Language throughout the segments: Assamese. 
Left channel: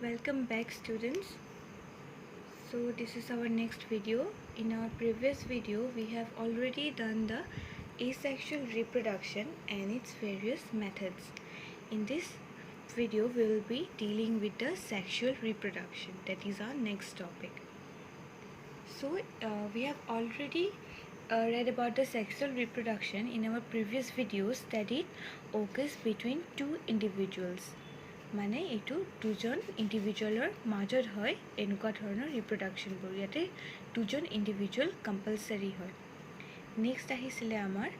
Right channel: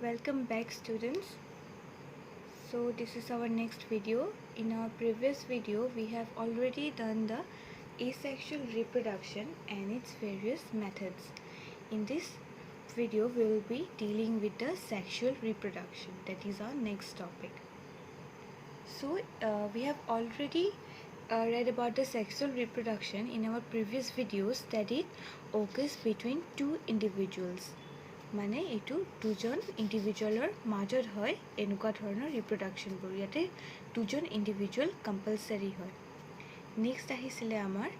Welcome back, students. So this is our next video. In our previous video we have already done the asexual reproduction and its various methods. In this video we will be dealing with the sexual reproduction. That is our next topic. So we have already read about the sexual reproduction in our previous videos, that it occurs between two individuals. মানে এইটো দুজন ইণ্ডিভিজুৱেলৰ মাজত হয় এনেকুৱা ধৰণৰ ৰিপ্ৰডাকশ্যনবোৰ ইয়াতে দুজন ইণ্ডিভিজুৱেল কম্পালচাৰী হয় নেক্সট আহিছিলে আমাৰ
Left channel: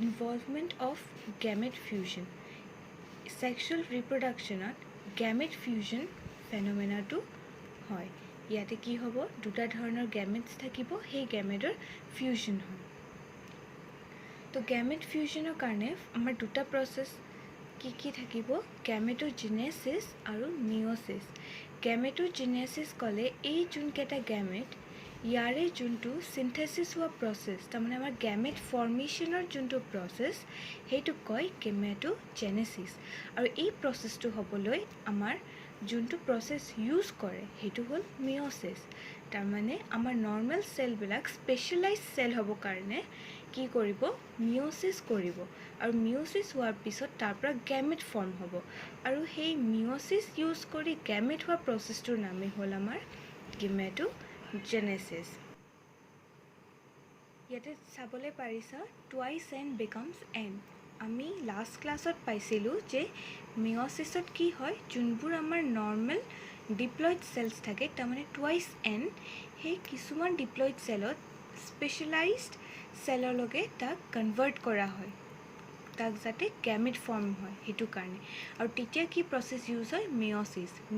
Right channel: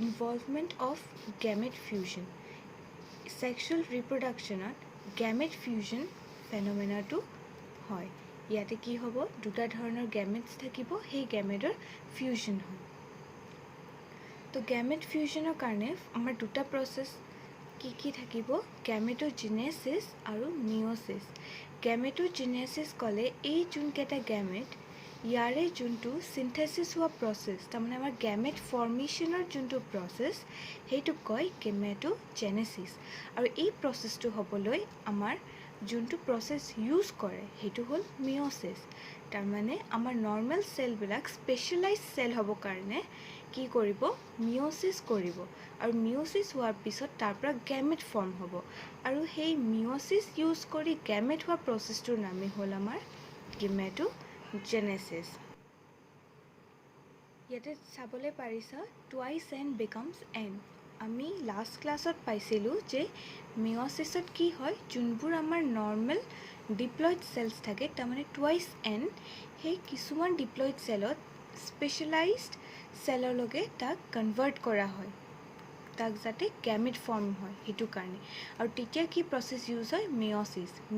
involvement of gamete fusion sexual ৰিপ্ৰডাকশ্যনত গেমেট ফিউজন ফেন'মেনাটো হয় ইয়াতে কি হ'ব দুটা ধৰণৰ গেমেটছ থাকিব সেই গেমেটৰ ফিউজন হয় তো গেমেট ফিউজনৰ কাৰণে আমাৰ দুটা প্ৰচেছ কি থাকিব গেমেটোজেনেসিস আৰু মিওসিস গেমেটোজেনেসিস ক'লে এই যোনকেইটা গেমেট ইয়াৰে যোনটো সিনথেসিস হোৱা প্ৰসেছ তাৰমানে আমাৰ গেমেট ফৰ্মেশ্যনৰ যোনটো প্ৰসেছ সেইটো কয় গেমেটোজেনেসিস আৰু এই প্ৰসেছটো হ'বলৈ আমাৰ যোনটো প্ৰসেছ ইউজ কৰে সেইটো হ'ল মিওসিস তাৰমানে আমাৰ নৰ্মেল সেলবিলাক স্পেশালাইজ সেল হ'ব কাৰণে কি কৰিব মিওসিস কৰিব আৰু মিওসিস হোৱাৰ পিছত তাৰ পৰা গেমেট ফৰ্ম হ'ব আৰু সেই মিওসিস ইউজ কৰি গেমেট হোৱা প্ৰসেছটোৰ নামে হ'ল আমাৰ গেমেটোজেনেসিস ইয়াতে চাবলৈ পাৰিছা টুৱাইছ এন বিকামছ এন আমি লাষ্ট ক্লাছত পাইছিলোঁ যে মিওসিছত কি হয় যোনবোৰ আমাৰ নৰ্মেল ডিপ্লয়েড সেলছ থাকে তাৰমানে টুৱাইছ এন সেই কিছুমান ডিপ্লয়েড সেলত স্পেশালাইজড সেলৰ লগে তাক কনভাৰ্ট কৰা হয় তাক যাতে গেমেট ফৰ্ম হয় সেইটো কাৰণে আৰু তেতিয়া কি প্ৰসেছ ইউজ হয়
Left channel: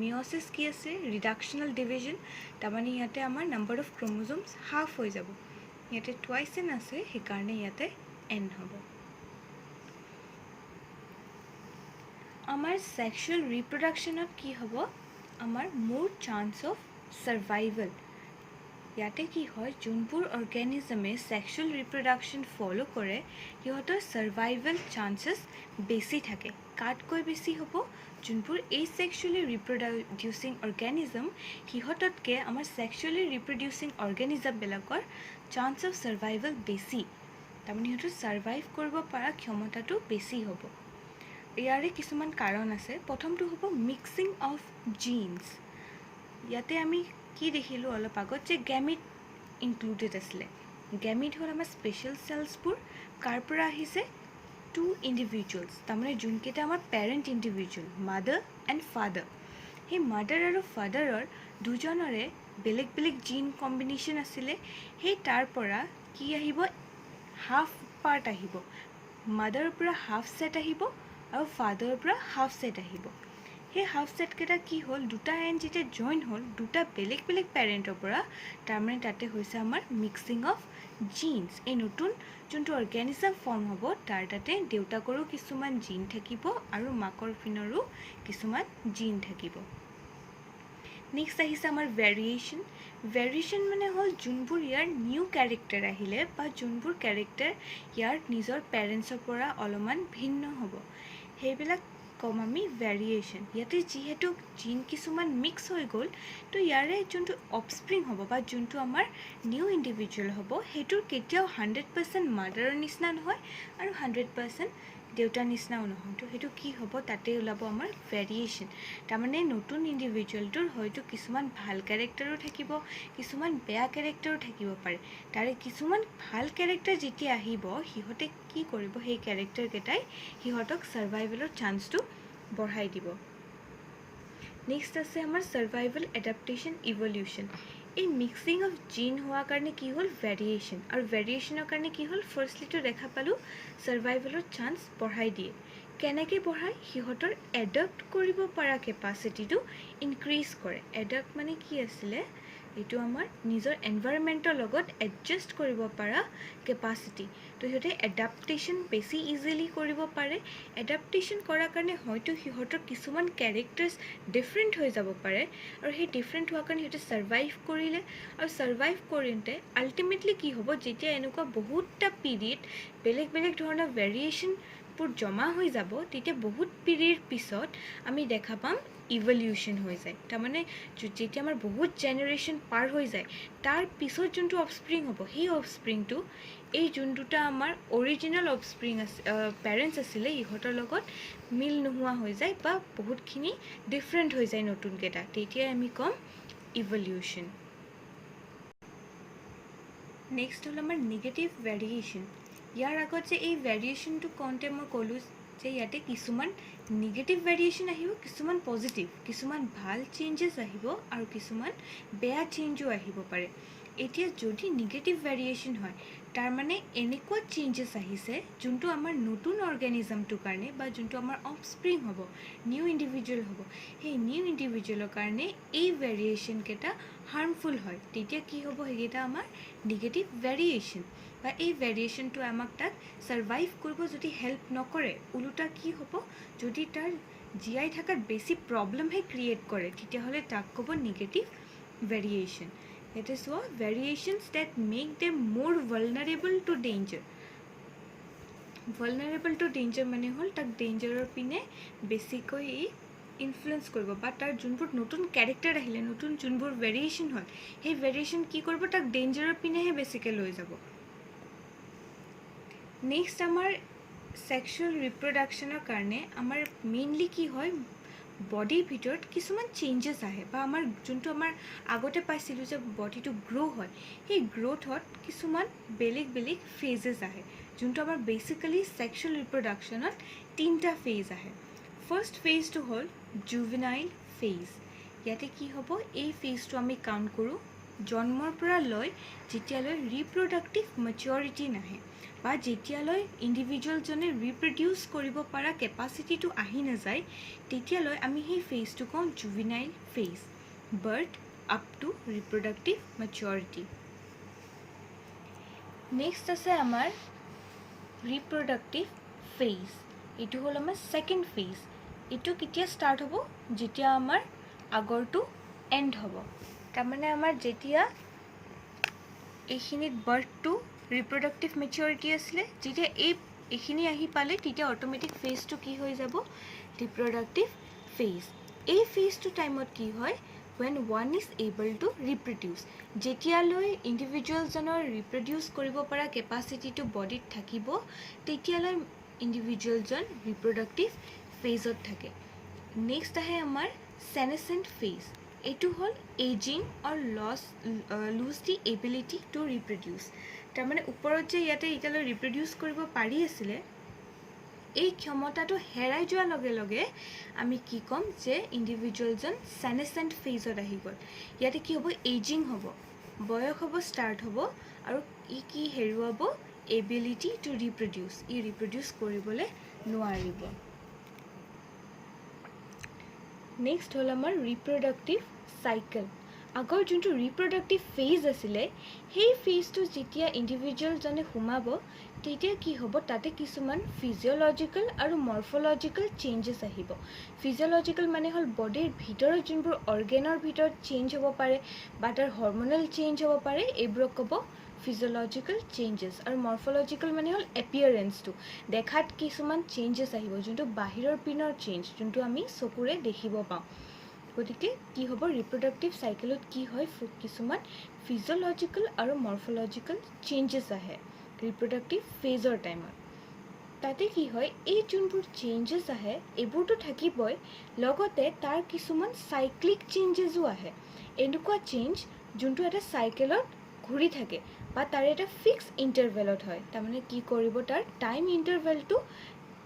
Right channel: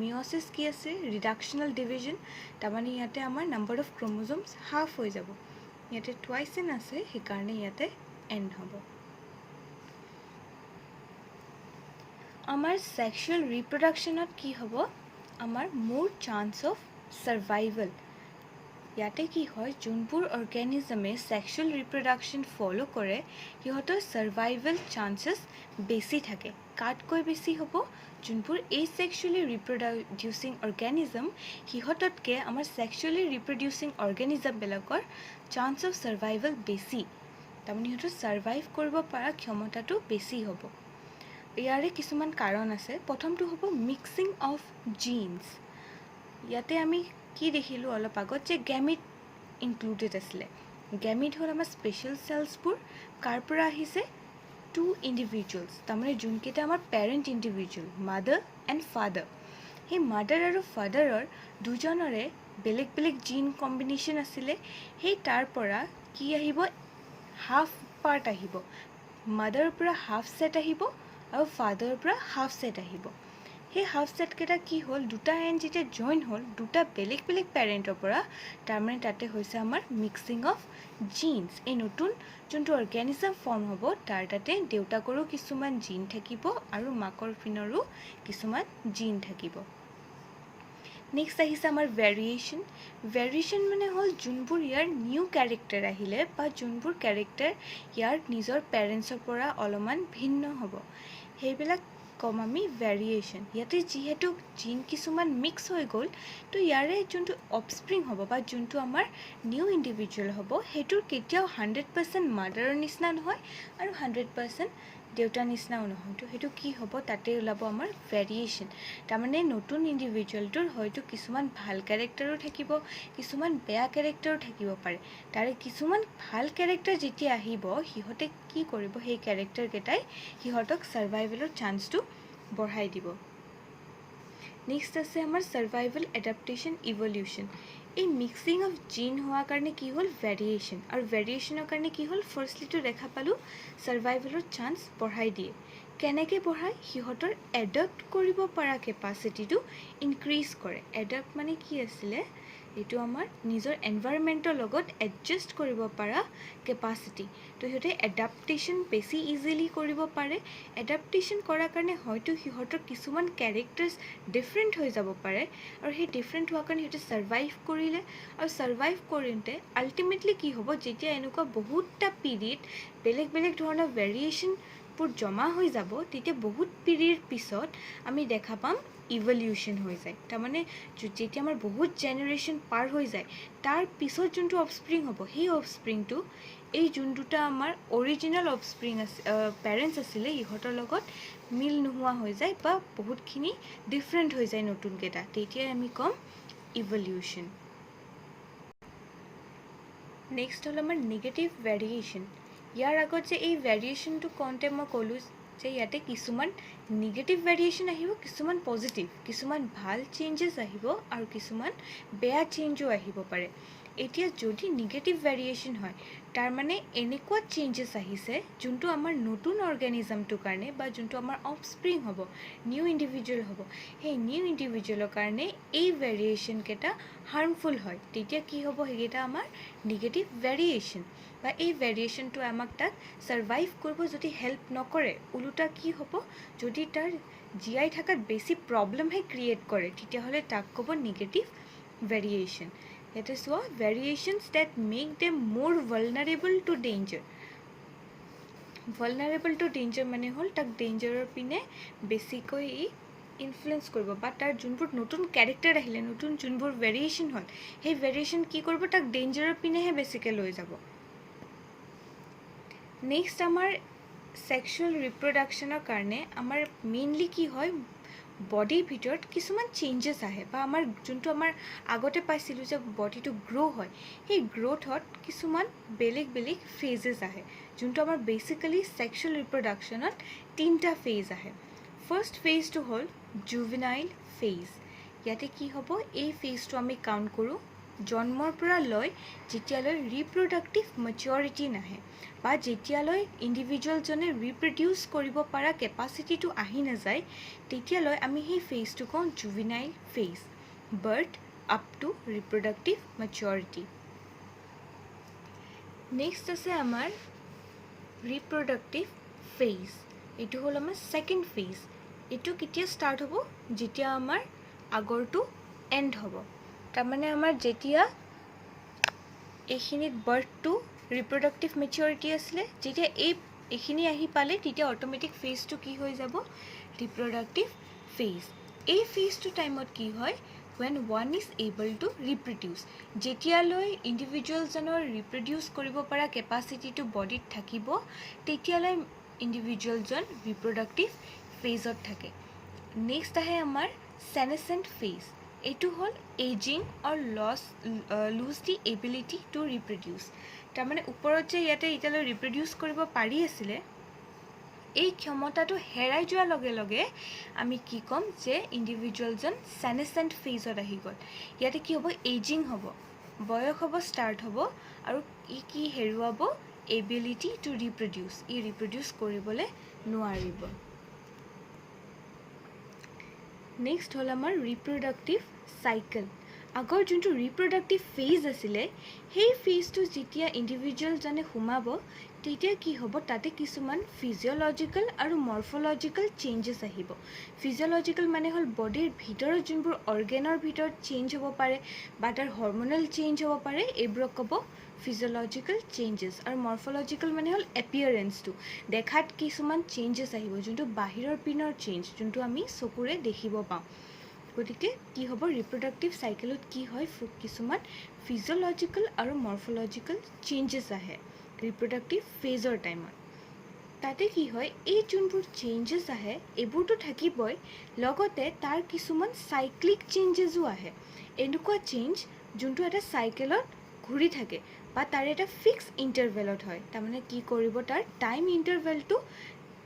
মিওসিস কি আছে ৰিডাকশ্যনেল ডিভিজন তাৰমানে ইয়াতে আমাৰ নাম্বাৰ অফ ক্ৰমোজোমছ হাফ হৈ যাব ইয়াতে টুৱাইছ এন আছে সেইকাৰণে ইয়াতে এন হ'ব আমাৰ সেক্সুৱেল ৰিপ্ৰডাকশ্যনত কি হ'ব আমাৰ মোৰ চান্স অফ সাৰ্ভাইভেল ইয়াতে কি হয় যোনবোৰ অৰ্গেনিজমে সেক্সুৱেল ৰিপ্ৰডাকশ্যন ফলো কৰে সিহঁতৰ সাৰ্ভাইভেল চান্সেছ বেছি থাকে কাতকৈ বেছি হ'ব যোনবোৰ এছেক্সুৱেলি ৰিপ্ৰডিউচিং অৰ্গেনিজম সিহঁততকৈ আমাৰ সেক্সুৱেলি ৰিপ্ৰডিউচিং অৰ্গেনিজমবিলাকৰ চান্স অফ সাৰ্ভাইভেল বেছি তাৰমানে সিহঁতৰ সাৰ্ভাইভ কৰিব পৰা ক্ষমতাটো বেছি হ'ব ইয়াৰে কিছুমান কাৰণ আছে প্ৰথমটো হ'ব মিক্সিং অফ জিনছ ইয়াতে আমি কি দেখিলোঁ অলপ আগত যে গেমিট ইনক্লুডেড আছিলে গেমিট হ'ল আমাৰ স্পেচিয়েল সেলছবোৰ কাৰ পৰা আহিছে টু ইণ্ডিভিজুৱেলছ তাৰমানে যোনকেইটা আমাৰ parent individual mother and father সেই মাদাৰ আৰু ফাদাৰৰ দুজনৰে বেলেগ বেলেগ জিন কম্বিনেশ্যন আছিলে সেই তাৰ পৰা কি আহিব হাফ পাৰ্ট আহিব মাদাৰৰ পৰা হাফ ছেট আহিব আৰু ফাদাৰৰ পৰা হাফ ছেট আহিব সেই হাফ ছেটকেইটা কি হ'ল দুটা এন যেতিয়া জইন হ'ল দুটা বেলেগ বেলেগ পেৰেণ্টৰ পৰা তাৰমানে তাতে হৈছে আমাৰ মিক্সিং অফ জিনছ এই নতুন যোনটো অৰ্গেনিজম ফৰ্ম হ'ব তাৰ তাতে দেউতাকৰো কিছুমান জিন থাকিব আৰু মাকৰ পিনৰো কিছুমান জিন থাকিব নেক্সট আহিছে আমাৰ ভেৰিয়েশ্যন মানে হ'ল যোনবোৰ ইয়াৰ নিউ কেৰেক্টাৰ আহিলে বা যোনবোৰ কেৰেক্টাৰ ইয়াৰ নিজৰ পেৰেণ্টছৰ পৰা অলপমান ভিন্ন হ'ব সেইবিলাক কম আমি ভেৰিয়েশ্যন ইয়াতে যিহেতু জিন কিছুমান মিক্স হৈ গ'ল তো ইয়াৰে যোনটো অফস্প্ৰিং হ'ব বা যোনটো আমাৰ নিউ ইণ্ডিভিজুৱেল হ'ব সেইটোৰ কেতিয়াও 100% মাদাৰৰ নিচিনা নহয় আৰু 100% দেউতাৰ নিচিনাও নহয় তো সেইটো কি হ'ব তাতে ওলাব আমাৰ ভেৰিয়েশ্যন তাৰমানে নতুন ইণ্ডিভিজুৱেলটোৰ হয়তো কিছুমান ভাল কেৰেক্টাৰো থাকিব কিছুমান বেয়া কেৰেক্টাৰো থাকিব পাৰে তাৰে কিছুমান ভাল কেৰেক্টাৰ যেতিয়া আহিব সিহঁতে কি কৰিব সেই কেৰেক্টাৰকেইটাই সিহঁতক সাৰ্ভাইভেলৰ চান্সটো বঢ়াই দিব নেক্সট আছে আমাৰ সাৰ্ভাইভেল এডাপ্টেশ্যন ইভলিউশ্যন এই মিক্সিং অফ জিন হোৱাৰ কাৰণে কি হ'ল ভেৰিয়েশ্যন আৰু ভেৰিয়েশ্যনৰ কাৰণে কি হ'ল ফাৰ্ষ্টলিটো দেখা পালোঁ সাৰ্ভাইভেলৰ চান্স বঢ়াই দিয়ে কেনেকৈ বঢ়ায় সিহঁতৰ এডাপ্ট কৰিব পৰা কেপাচিটিটো ইনক্ৰিজ কৰে এডাপ্ট মানে কি আছিলে এইটো আমাৰ নিজৰ এনভাইৰনমেণ্টৰ লগত এডজাষ্ট কৰিব পৰা কেপাচিটি তো সিহঁতে এডাপ্টেশ্যন বেছি ইজিলি কৰিব পাৰে এডাপ্টেশ্যন কৰাৰ কাৰণে হয়তো সিহঁতৰ কিছুমান কেৰেক্টাৰ্ছ ডিফাৰেণ্ট হৈ যাব পাৰে আৰু সেই ডিফাৰেণ্ট হোৱাৰ কাৰণে সিহঁতে সাৰ্ভাইভ কৰিলে আৰু সাৰ্ভাইভ কৰোঁতে আল্টিমেটলি কি হ'ব যেতিয়া এনেকুৱা বহুতটা পিৰিয়ড বেলেগ বেলেগ ধৰণৰ ভেৰিয়েশ্যন আউটপুট জমা হৈ যাব তেতিয়া বহুত পিৰিয়ড পিছত আমি দেখা পাম ইভলিউশ্যন হৈ যায় তাৰমানে যেতিয়া আমাৰ বহুত জেনেৰেশ্যন পাৰ হৈ যায় তাৰ পিছত যোনটো অফস্প্ৰিং হ'ব সেই অফস্প্ৰিংটো এই যোন দুটা আমাৰ অৰিজিনেল অফস্প্ৰিং আছে পেৰেণ্টছ আছিলে ইহঁতৰ লগত মিল নোহোৱা হৈ যায় বা বহুতখিনি ডিফাৰেণ্ট হৈ যায় নতুনকেইটা তেতিয়াই আমি ক'ম ইভলিউশ্যন নেক্সট হ'ল আমাৰ নিগেটিভ ভেৰিয়েশ্যন ইয়াৰ আগত যে এই ভেৰিয়েশ্যনটো কওঁতে মই ক'লোঁ যে ইয়াতে কিছুমান নিগেটিভ ভেৰিয়েশ্যন আহিব কিছুমান পজিটিভ কিছুমান ভাল চেঞ্জেছ আহিব আৰু কিছুমান বেয়া চেঞ্জো আহিব পাৰে এতিয়া যদি নিগেটিভ ভেৰিয়েশ্যন হয় তাৰমানে এনেকুৱা চেঞ্জেছ আহিছে যোনটো আমাৰ নতুন অৰ্গেনিজমটোৰ কাৰণে বা যোনটো আমাৰ অফস্প্ৰিং হ'ব নিউ ইণ্ডিভিজুৱেল হ'ব সেই নিউ ইণ্ডিভিজুৱেলৰ কাৰণে এই ভেৰিয়েশ্যনকেইটা হাৰ্মফুল হয় তেতিয়া কি হ'ব সেইকেইটা আমাৰ নিগেটিভ ভেৰিয়েশ্যন বা এই ভেৰিয়েশ্যনটো আমাক তাক ছাৰ্ভাইভ কৰিব যদি হেল্প নকৰে ওলোটা কি হ'ব যদি তাৰ জীয়াই থকাত বেছি প্ৰব্লেমহে ক্ৰিয়েট কৰে তেতিয়াহ'লে তাক ক'ব নিগেটিভ ভেৰিয়েশ্যন ইয়াতে চোৱা variations that make them more vulnerable to danger vulnerable to danger মানে হ'ল তাক ডেঞ্জাৰৰ পিনে বেছিকৈ ইনফ্লুৱেঞ্চ কৰিব বা তাৰ যোনবোৰ নতুন কেৰেক্টাৰ আহিলে নতুন যোনবোৰ ভেৰিয়েশ্যন হ'ল সেই ভেৰিয়েশ্যন কি কৰিব তাক ডেঞ্জাৰৰ পিনেহে বেছিকৈ লৈ যাব নেক্সট আমাৰ ছেক্সুৱেল ৰিপ্ৰডাকশ্যনৰ কাৰণে আমাৰ মেইনলি কি হয় বডিৰ ভিতৰত কিছুমান চেঞ্জেছ আহে বা আমাৰ যোনটো আমাৰ আগতে পাইছিলোঁ যে বডিটো গ্ৰ' হয় সেই গ্ৰ'থত কিছুমান বেলেগ বেলেগ ফেজেছ আহে যোনটো আমাৰ বেচিকেলি ছেক্সুৱেল ৰিপ্ৰডাকশ্যনত 3টা ফেজ আহে ফাৰ্ষ্ট ফেজটো হ'ল জুভেনাইল ফেজ ইয়াতে কি হ'ব এই ফেজটো আমি কাউণ্ট কৰোঁ জন্মৰ পৰা লৈ যেতিয়ালৈ ৰিপ্ৰডাক্টিভ মেচিয়ৰিটি নাহে বা যেতিয়ালৈ ইণ্ডিভিজুৱেলজনে ৰিপ্ৰডিউচ কৰিব পৰা কেপাচিটিটো আহি নাযায় তেতিয়ালৈ আমি সেই ফেজটো কওঁ juvenile phase birth up to reproductive maturity next আছে আমাৰ ৰিপ্ৰডাক্টিভ ফেজ এইটো হ'ল আমাৰ ছেকেণ্ড ফেজ এইটো কেতিয়া ষ্টাৰ্ট হ'ব যেতিয়া আমাৰ আগৰটো এণ্ড হ'ব তাৰমানে আমাৰ যেতিয়া এইখিনিত বাৰ্থটো ৰিপ্ৰডাক্টিভ মেচিয়ৰিটি আছিলে যেতিয়া এইখিনি আহি পালে তেতিয়া অট'মেটিক ফেজটো কি হৈ যাব ৰিপ্ৰডাক্টিভ ফেজ এই ফেজটো টাইমত কি হয় when one is able to reproduce যেতিয়ালৈ ইণ্ডিভিজুৱেলজনৰ ৰিপ্ৰডিউচ কৰিব পৰা কেপাচিটিটো বডিত থাকিব তেতিয়ালৈ ইণ্ডিভিজুৱেলজন ৰিপ্ৰডাক্টিভ ফেজত থাকে নেক্সট আহে আমাৰ সেনেসেণ্ট ফেজ এইটো হ'ল aging or lose the ability to reproduce তাৰমানে ওপৰত যে ইয়াতে এতিয়ালৈ ৰিপ্ৰডিউচ কৰিব পাৰি আছিলে এই ক্ষমতাটো হেৰাই যোৱাৰ লগে লগে আমি কি ক'ম যে ইণ্ডিভিজুৱেলজন সেনেসেণ্ট ফেজত আহি গ'ল ইয়াতে কি হ'ব এজিং হ'ব বয়স হ'ব ষ্টাৰ্ট হ'ব আৰু কি হেৰুৱাব এবিলিটি টু ৰিপ্ৰডিউচ ৰিপ্ৰডিউচ কৰিবলৈ নোৱাৰিব নেক্সট হ'ল আমাৰ ৰিপ্ৰডাক্টিভ চাইকেল আগৰ যোনটো ৰিপ্ৰডাক্টিভ ফেজ আছিলে সেই ফেজটো যেতিয়া ইণ্ডিভিজুৱেলজনে সোমাব তেতিয়া কি হ'ব তাতে কিছুমান ফিজিঅ'লজিকেল আৰু মৰ্ফলজিকেল চেঞ্জেছ আহিব ফিজিঅ'লজিকেল মানে হ'ল বডিৰ ভিতৰত যোনবোৰ অৰ্গেনৰ ভিতৰত চেঞ্জ হ'ব পাৰে বা তাৰ হৰম'নেল চেঞ্জ হ'ব পাৰে এইবোৰক ক'ব ফিজিঅ'লজিকেল চেঞ্জেছ আৰু মৰ্ফলজিকেল মানে হ'ল এপিয়াৰেঞ্চটো দেখাত কিছুমান চেঞ্জেছ আহিব যোনটো বাহিৰৰ পিনৰ চেঞ্জ যোনটো আমি চকুৰে দেখিব পাওঁ গতিকে কি হ'ব ৰিপ্ৰডাক্টিভ চাইকেলত কি হয় কিছুমান ফিজিঅ'লজিকেল আৰু মৰ্ফলজিকেল চেঞ্জেছ আহে ৰিপ্ৰডাক্টিভ ফেজৰ টাইমত তাতে কি হয় এই যোনবোৰ চেঞ্জেছ আহে এইবোৰতো থাকিবই লগতে তাৰ কিছুমান চাইক্লিক চেঞ্জেছো আহে এনেকুৱা চেঞ্জ যোনটো এটা চাইকেলত ঘূৰি থাকে বা তাৰ এটা ফিক্স ইণ্টাৰভেলত হয় তাৰমানে কি কৰিব তাৰ টাইম ইণ্টাৰভেলটো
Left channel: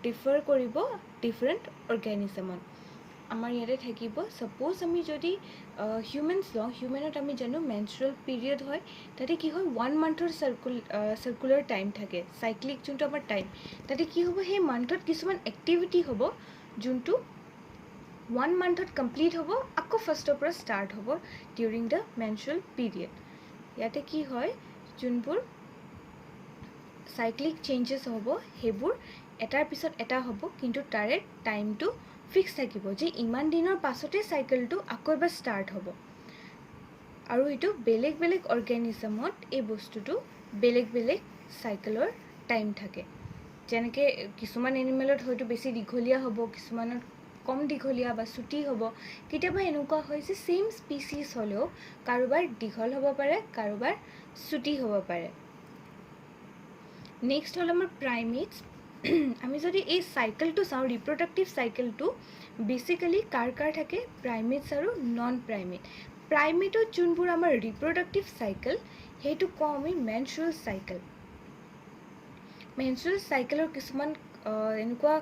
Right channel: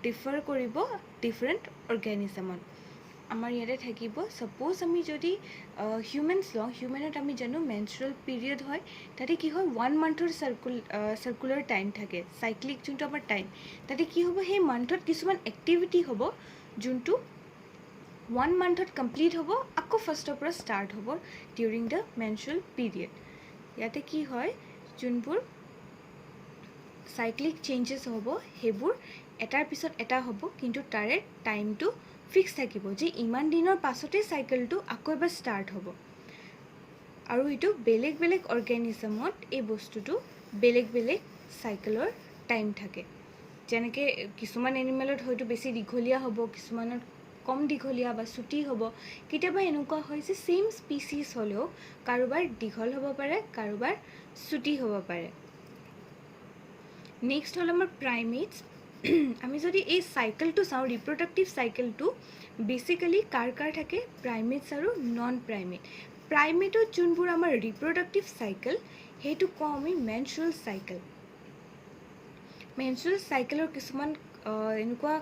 ডিফাৰ কৰিব ডিফাৰেণ্ট অৰ্গেনিজমত আমাৰ ইয়াতে থাকিব সাপোজ আমি যদি হিউমেনছ লওঁ হিউমেনত আমি জানো মেনষ্ট্ৰুৱেল পিৰিয়ড হয় তাতে কি হয় 1 মান্থৰ সাৰ্কুলাৰ টাইম থাকে সাইক্লিক যোনটো আমাৰ টাইম তাতে কি হ'ব সেই মান্থত কিছুমান এক্টিভিটি হ'ব যোনটো 1 মান্থত কমপ্লিট হ'ব আকৌ ফাৰ্ষ্টৰ পৰা ষ্টাৰ্ট হ'ব ডিউৰিং দ্য মেনষ্ট্ৰুৱেল পিৰিয়ড ইয়াতে কি হয় যোনবোৰ সাইক্লিক চেঞ্জেছ হ'ব সেইবোৰ এটাৰ পিছত এটা হ'ব কিন্তু তাৰে টাইমটো ফিক্স থাকিব যে ইমান দিনৰ পাছতে সাইকেলটো আকৌ এবাৰ ষ্টাৰ্ট হ'ব আৰু এইটো বেলেগ বেলেগ অৰ্গেনিজমত এই বস্তুটো বেলেগ বেলেগ সাইকেলৰ টাইম থাকে যেনেকৈ কিছুমান এনিমেলত হয়তো বেছি দীঘলীয়া হ'ব, কিছুমানত কম দীঘলীয়া বা চুটি হ'ব। কেতিয়াবা এনেকুৱা হয় যে ছেইম স্পিচিছ হ'লেও কাৰোবাৰ দীঘল হ'ব পাৰে, কাৰোবাৰ চুটি হ'ব পাৰে। নেক্সট হ'ল আমাৰ প্ৰাইমেটছ। আমি যদি এই চাইকেলটো চাওঁ, ৰিপ্ৰডাক্টিভ চাইকেলটো বেচিকেলি কাৰ থাকে, প্ৰাইমেটছ আৰু নন প্ৰাইমেট। প্ৰাইমেটত যোনবোৰ আমাৰ ৰিপ্ৰডাক্টিভ চাইকেল সেইটো কওঁ আমি মেনষ্ট্ৰুৱেল চাইকেল। মেনষ্ট্ৰুৱেল চাইকেলৰ কিছুমান এনেকুৱা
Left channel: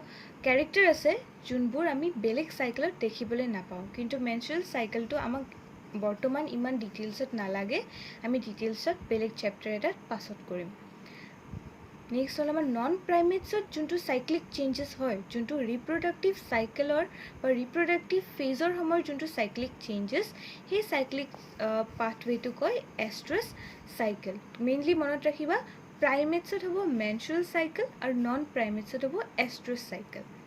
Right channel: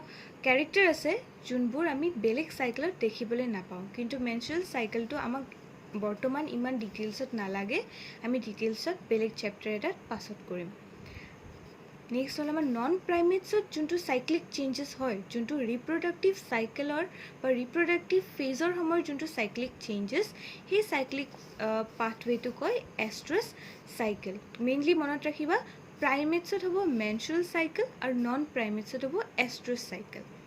কেৰেক্টাৰ আছে যোনবোৰ আমি বেলেগ চাইকেলত দেখিবলৈ নাপাওঁ, কিন্তু মেনষ্ট্ৰুৱেল চাইকেলটো আমাক বৰ্তমান ইমান ডিটেইলছত নালাগে, আমি ডিটেইলছত বেলেগ চেপ্টাৰ এটাত পাছত কৰিম। নেক্সট হ'ল আমাৰ নন প্ৰাইমেটছত যোনটো চাইক্লিক চেঞ্জেছ হয়, যোনটো ৰিপ্ৰডাক্টিভ চাইকেলৰ বা ৰিপ্ৰডাক্টিভ ফেজৰ সময়ৰ যোনটো চাইক্লিক চেঞ্জেছ, সেই চাইক্লিক পাথৱেটো কয় এষ্ট্ৰাছ চাইকেল। মেইনলি মনত ৰাখিবা, প্ৰাইমেটছত হ'ব মেনষ্ট্ৰুৱেল চাইকেল আৰু নন প্ৰাইমেটছত হ'ব এষ্ট্ৰাছ চাইকেল।